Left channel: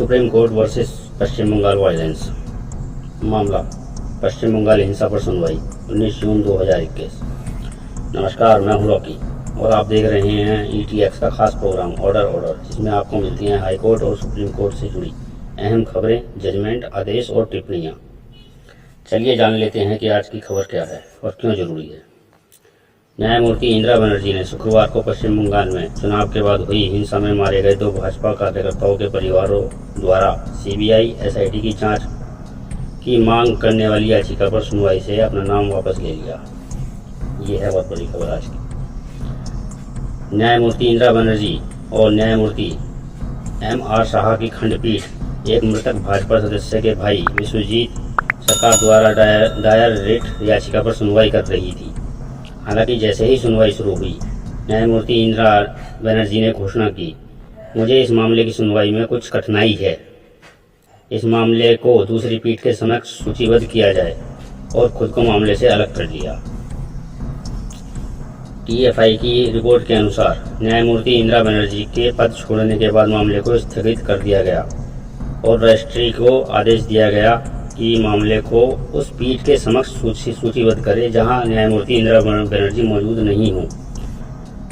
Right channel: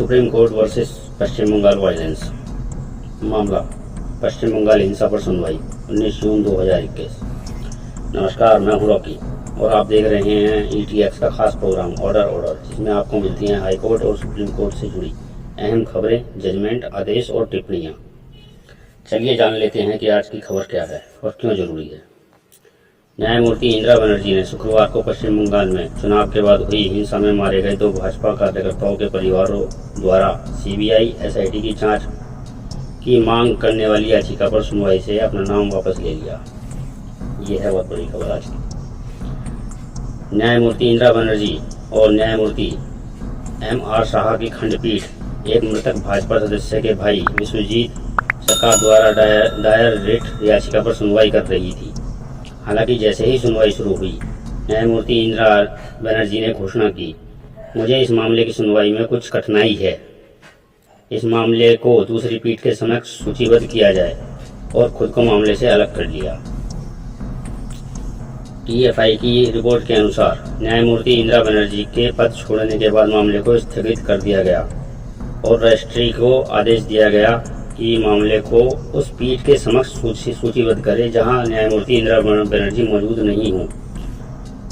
Supreme court versus पश्चिम Bengal violence. मामला पश्चिम बंगाल हिंसा पर सुनवाई 19 जून 2021। नमस्कार, मैं हूं रॉकी और आप देख रहे हैं ETX का खास प्रोग्राम ऑर्डर, जिसमें आपको मिलती हैं हाई कोर्ट और सुप्रीम कोर्ट से जुड़ी अहम खबरें, जजमेंट, आदेश और टिप्पणियां। चलिए जान लेते हैं कि आज की खबर क्या है और क्यों जरूरी है। न्यायमूर्ति इंदिरा बनर्जी ने शुक्रवार को पश्चिम बंगाल में चुनाव के बाद हुई हिंसा में मारे गए 2 भाजपा कार्यकर्ताओं के परिवारों द्वारा CBI SIT की जांच की मांग करने वाली याचिका पर सुनवाई से अपना नाम वापस ले लिया। ये है बहुत बड़ी खबर आज की। न्यायमूर्ति इंदिरा बनर्जी और न्यायमूर्ति MR शाह की खंडपीठ एक मृतक भाजपा सदस्य के भाई विश्वजीत सरकार द्वारा दायर रिट याचिका पर सुनवाई कर रही थी। हालांकि जैसे ही सुनवाई शुरू हुई, न्यायमूर्ति इंदिरा बनर्जी ने घोषणा की, मुझे इस मामले की सुनवाई में कुछ कठिनाई है। इस मामले को दूसरी पीठ के समक्ष सूचीबद्ध किया जाए और खुद को मामले से अलग कर लिया। TFI की रिपोर्ट के अनुसार न्यायमूर्ति इंदिरा बनर्जी के पद छोड़ने के बाद मामले को स्थगित कर दिया गया और रजिस्ट्री को आदेश दिया गया कि मामले को उस पीठ के समक्ष सूचीबद्ध करे जहां न्यायमूर्ति इंदिरा बनर्जी मौजूद नहीं हों।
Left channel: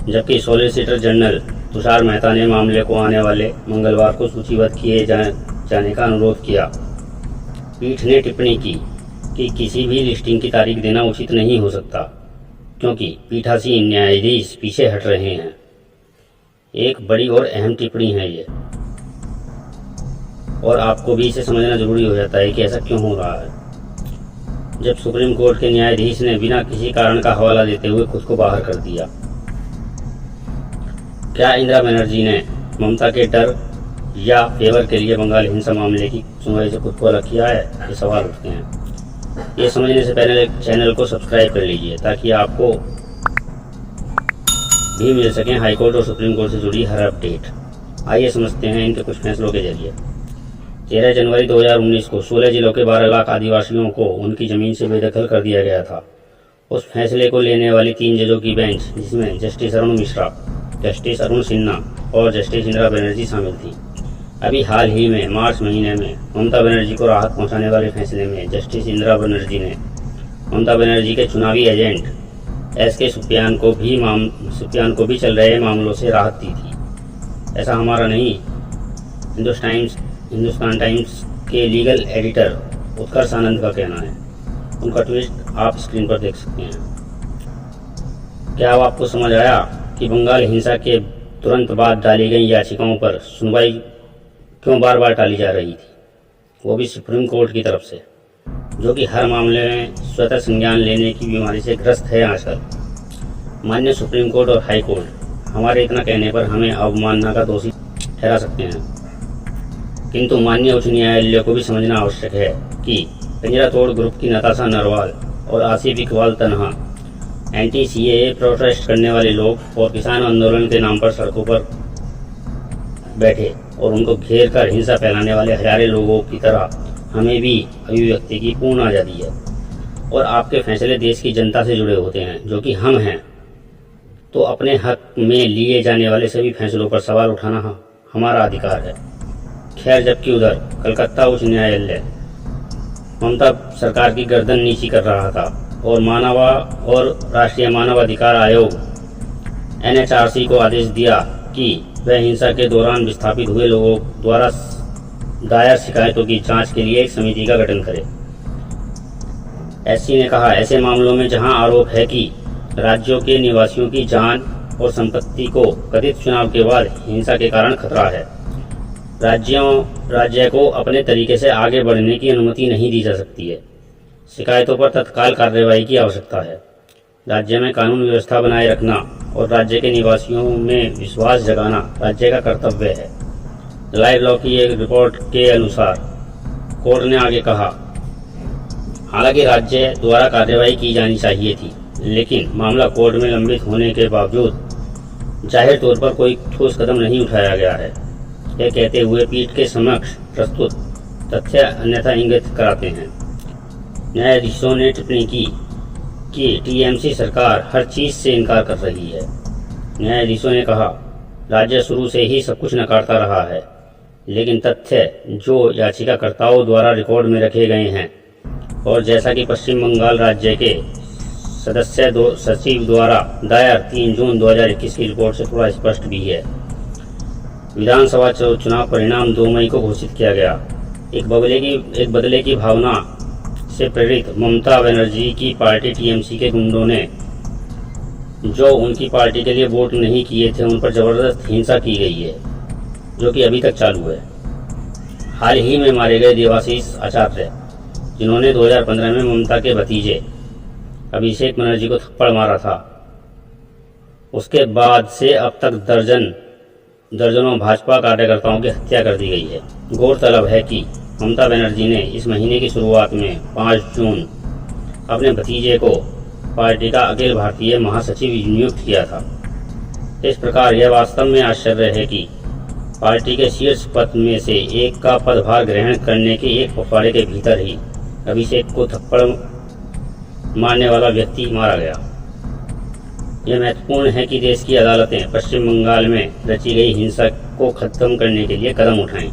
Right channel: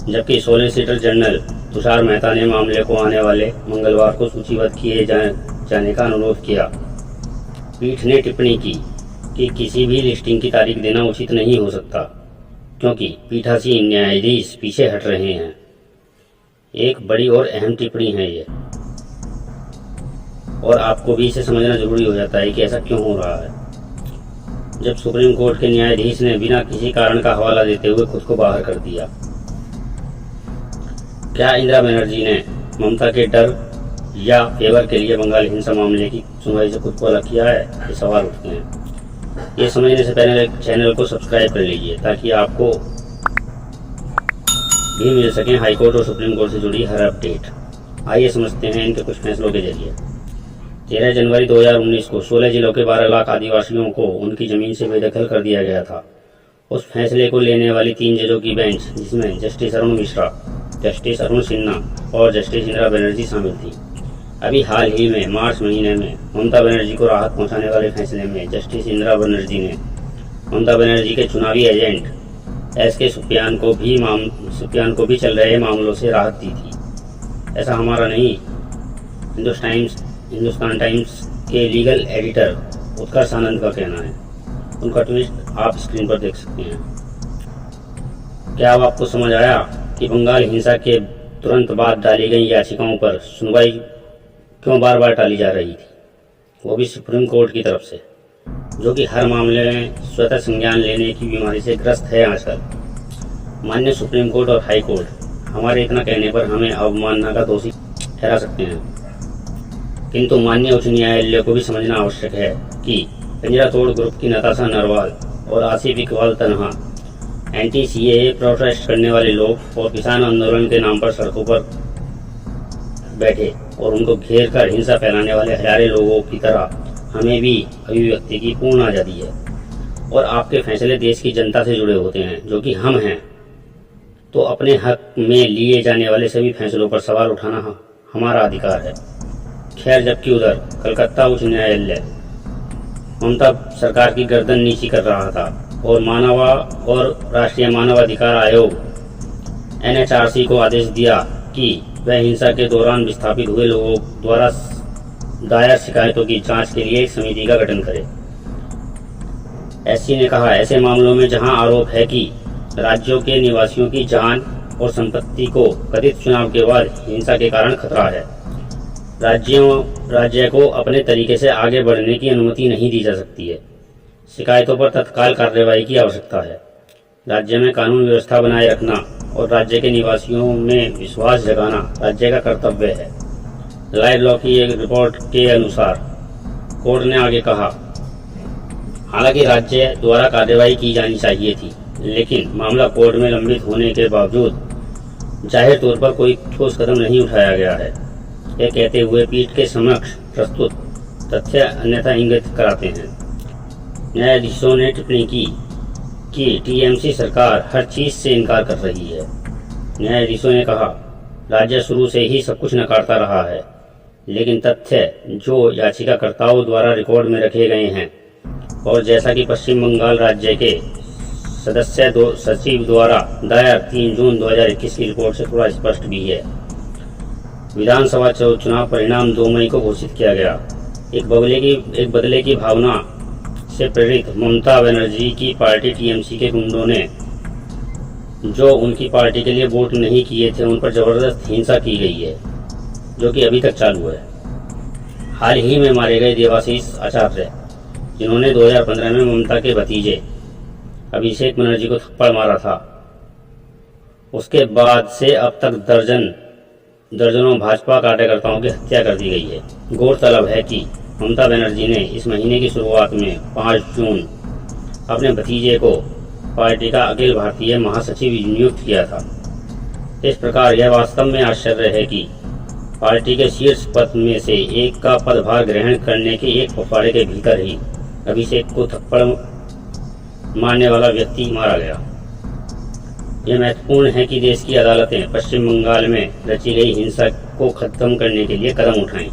जबकि सॉलिसिटर जनरल तुषार मेहता ने मामले को आने वाले मंगलवार को सूचीबद्ध किए जाने का अनुरोध किया। पीठ ने टिप्पणी की कि किसी भी लिस्टिंग की तारीख देना उचित नहीं हो सकता, क्योंकि पीठासीन न्यायाधीश पीछे हट रहे हैं। एक बड़ी और अहम टिप्पणी है ये, और आपको भी इसे समझना जरूरी हो जाता है कि ऐसा क्यों हो रहा है। जब सुप्रीम कोर्ट के न्यायाधीश ने बिना किसी कारण का हवाला देते हुए खुद को बाहर कर दिया, क्या इंदिरा बनर्जी ने ममता के डर या फेवर के लिए बंगाल हिंसा मामले की सुनवाई से खुद को अलग किया है? ये सवाल उठते हैं। ये समझने से पहले चैनल को सब्सक्राइब कर लीजिए ताकि आपको भी मिल सकें हाई कोर्ट और सुप्रीम कोर्ट से जुड़ी हर अपडेट। आइए समझते हैं इनके कुछ फैसलों के जरिए। 13 जनवरी 2019 को 16 जिलों के 12 लाख आदिवासियों को उनकी जमीन से बेदखल कर दिया गया था। उस फैसले को लेने वाली 3 जजों की बेंच, जिसमें जस्टिस अरुण मिश्रा, जस्टिस अरुण सिन्हा और जस्टिस इंदिरा बनर्जी शामिल थी। अभी हाल ही में मार्च महीने में ममता बनर्जी को राहत पहुंचाने वाले फैसले में जस्टिस इंदिरा बनर्जी ने ममता बनर्जी के चुनावी एजेंट SK सुप्यान को भी चल रहे मामलों से राहत दी थी। ऐसा हमारा नहीं, हिंदुस्तान टाइम्स के लीगल एडिटर उत्कर्ष आनंद का कहना है। उनका ट्वीट आप स्क्रीन पर देख सकते हैं। क्या अब आपको समझ आया कि बंगाल हिंसा के तुरंत बाद डाली गई याचिकाओं पर सुनवाई क्यों बार बार टाली जा रही थी, वो भी सुप्रीम कोर्ट की तरफ से, जो कि हर मामले में स्वतः संज्ञान लेने की बीमारी से ग्रस्त है आजकल। माननीय सुप्रीम कोर्ट और हाई कोर्ट हमारे इतना कहने पर हमें अवमानना का दोषी ठहरा सकते हैं, किंतु माननीय उच्च न्यायालय को भी समझना आवश्यक है कि पिंजरा तोड़ ग्रुप की नताशा नरवाल और आसिफ इकबाल तनहा, anti-CAA प्रोटेस्ट करने वाले लोग और किसान आंदोलन के नाम पर सड़कों पर बैठे और उनको घेर कर हिंसा फैलाने वाले हजारों लोगों की तरह हमें भी अभिव्यक्ति की पूर्ण आज़ादी है और आपके फैसले देश की जनता से जुड़े होते हैं, जो कि हम हैं। तो अपने हक में लिए जाने वाले सभी फैसलों पर सवाल उठाना हमारा अधिकार है। खैर, जबकि उधर कलकत्ता उच्च न्यायालय ममता सरकार की गर्दन नीची कर रहा था और राष्ट्रीय मानवाधिकार आयोग NHRC को आदेश दिया कि वह हिंसा के दौरान विस्थापित हुए लोगों द्वारा दायर शिकायतों की जांच के लिए एक समिति का गठन करे। SC ने कहा, ऐसे मामलों में जहां आरोप है कि राज्यों के निवासियों की जान और संपत्ति को कथित चुनाव के बाद हिंसा के कारण खतरा है, राज्य को अपने तरीके से आगे बढ़ने की अनुमति नहीं दी जा सकती है। शिकायतों पर तत्काल कार्रवाई की आवश्यकता है। राज्य में कानून व्यवस्था बनाए रखना और राज्य के निवासियों में विश्वास जगाना राज्य का कर्तव्य है। लाइव लॉ की एक रिपोर्ट के अनुसार कोर्ट ने आगे कहा, हालांकि राज्य द्वारा कार्रवाई की जानी चाहिए थी, लेकिन मामला कोर्ट में लंबित होने के बावजूद जाहिर तौर पर कोई ठोस कदम नहीं उठाया गया है। यह कहते हुए पीठ के समक्ष प्रस्तुत तथ्य अन्यथा इंगित कराते हैं। न्यायाधीशों ने टिप्पणी की कि TMC सरकार हर चीज से इनकार कर रही है। न्यायाधीशों ने कहा, राज्य शुरू से ही सब कुछ नकारता रहा है। लेकिन तथ्य जो याचिकाकर्ताओं द्वारा रिकॉर्ड में रखे गए हैं और जैसा कि पश्चिम बंगाल राज्य के सदस्य सचिव द्वारा दायर 3 जून 2021 की रिपोर्ट से थोड़ा स्पष्ट भी है। विधानसभा चुनाव परिणाम 2 मई को घोषित किया गया। एक बदले की भावना से प्रेरित ममता बनर्जी की पार्टी टीएमसी के गुंडों ने जो उनकी पार्टी के लिए वोट नहीं किए थे उन पर जबरदस्त हिंसा की गई है, जो कि अभी तक चालू है। हाल ही में मारे गए देवाशीष आचार्य, जिन्होंने 2015 में ममता के भतीजे अभिषेक बनर्जी को थप्पड़ मारा था, उसके बाद से अब तक दर्जनों भाजपा कार्यकर्ताओं की हत्या कर दी गई है। गौरतलब है कि ममता बनर्जी ने इस महीने की शुरुआत में 5 जून अपने भतीजे को पार्टी का अखिल भारतीय महासचिव नियुक्त किया था। इस प्रकार यह वास्तव में आश्चर्य है कि पार्टी के शीर्ष पद में से एक का पदभार ग्रहण करने के एक पखवाड़े के भीतर ही अभिषेक को थप्पड़ मारने वाला व्यक्ति मारा गया। यह महत्वपूर्ण है कि देश की अदालतें पश्चिम बंगाल में रची गई हिंसा को खत्म करने के लिए कदम उठाएं।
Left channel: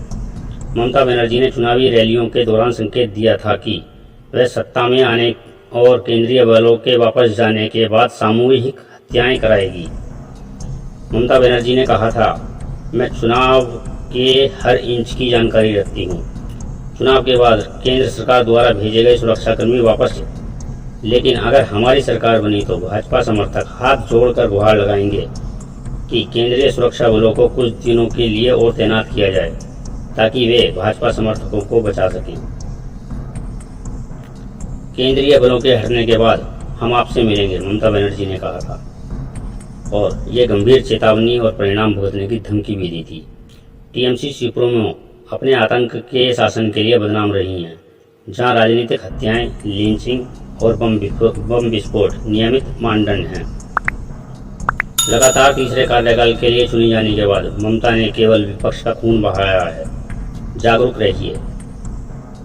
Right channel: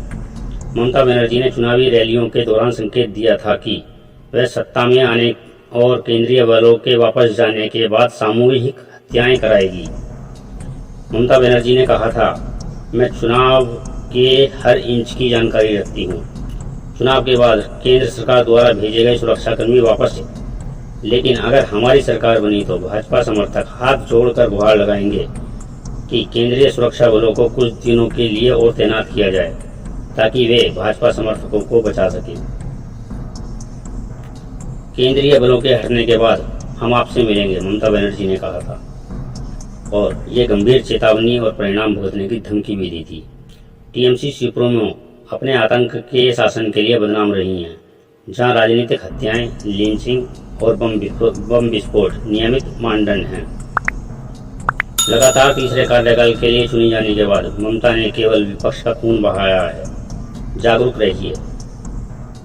ममता बनर्जी ने चुनावी रैलियों के दौरान संकेत दिया था कि वह सत्ता में आने और केंद्रीय बलों के वापस जाने के बाद सामूहिक हत्याएं कराएगी। ममता बनर्जी ने कहा था, मैं चुनाव के हर इंच की जानकारी रखती हूँ। चुनाव के बाद केंद्र सरकार द्वारा भेजे गए सुरक्षाकर्मी वापस, लेकिन अगर हमारी सरकार बनी तो भाजपा समर्थक हाथ जोड़कर गुहार लगाएंगे कि केंद्रीय सुरक्षा बलों को कुछ दिनों के लिए और तैनात किया जाए ताकि वे भाजपा समर्थकों को बचा सकें। केंद्रीय बलों के हटने के बाद हम आपसे मिलेंगे, ममता बनर्जी ने कहा था, और ये गंभीर चेतावनी और परिणाम भुगतने की धमकी भी दी थी। टीएमसी सुप्रीमो अपने आतंक के शासन के लिए बदनाम रही हैं, जहां राजनीतिक हत्याएं, लिंचिंग और बम विस्फोट नियमित मानदंड हैं। लगातार तीसरे कार्यकाल के लिए चुनी जाने के बाद ममता ने केवल विपक्ष का खून बहाया है। जागरूक रहिए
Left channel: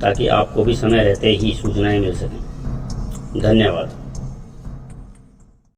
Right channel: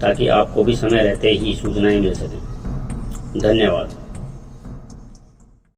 ताकि आपको भी समय रहते ही सूचनाएं मिल सकें। धन्यवाद।